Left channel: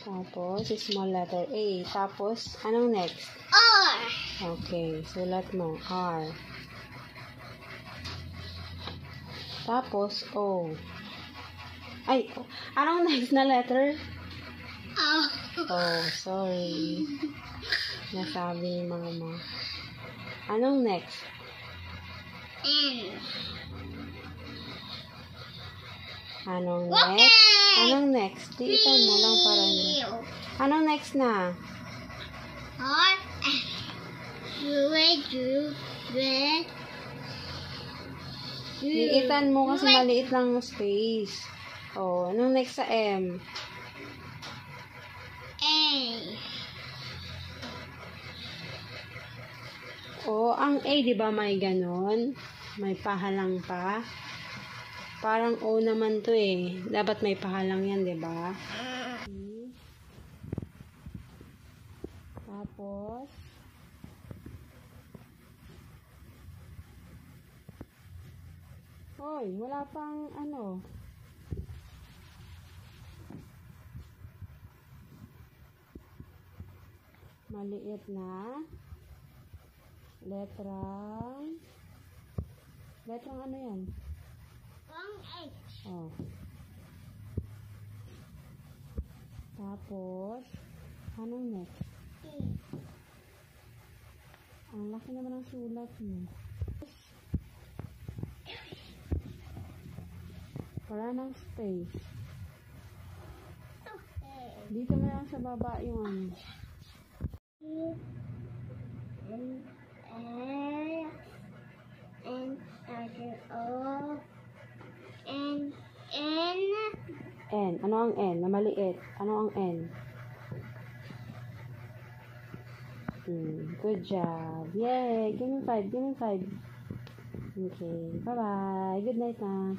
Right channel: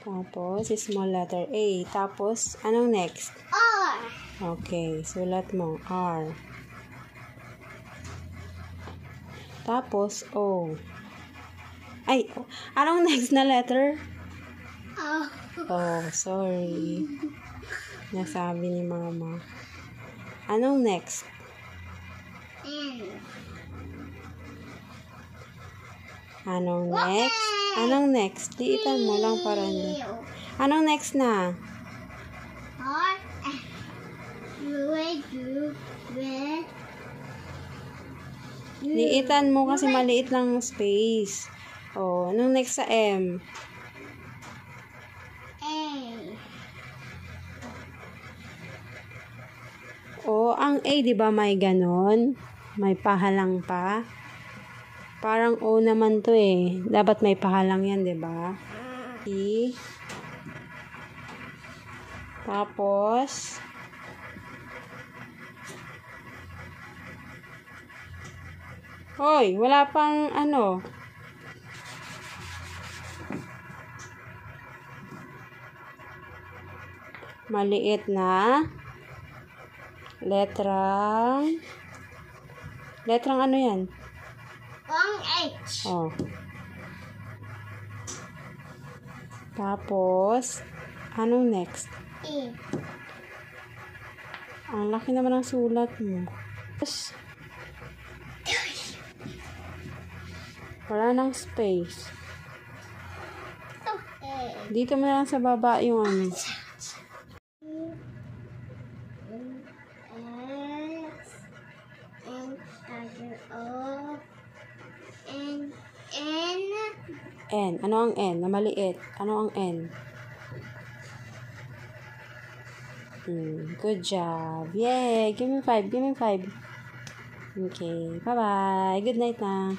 Tapos, small letter A. Tapos, anong next? R. Okay, sulat mo. R. Tapos, O. Ay, anong next na letter? Oh. Oh, sorry. Nasabi ni mama. Anong next? N. Anong next? Anong next? Liitan mo lang para Anong next na? R. Liitan mo kasi maliit lang yung space. Oh, anong next sa M? A. Oh, ang A, di ba may ganon? May pahalang pa. Parang O naman to eh. Dapat may pahalang yan, di ba? E. Tapos, hoy, wala pang ano. Maliit na letrang ano yan? Ang H. Oh. Tapos, anong next? E. Ang laki naman ng sulat mo. Tapos, wala nang space. Dito mo na lang sa baba yung ano. N. Ano ang N? Na maliit. Ano ang N? Good job. Yay! Give me 5. Give me 5. Okay. Bye-bye. Good night na.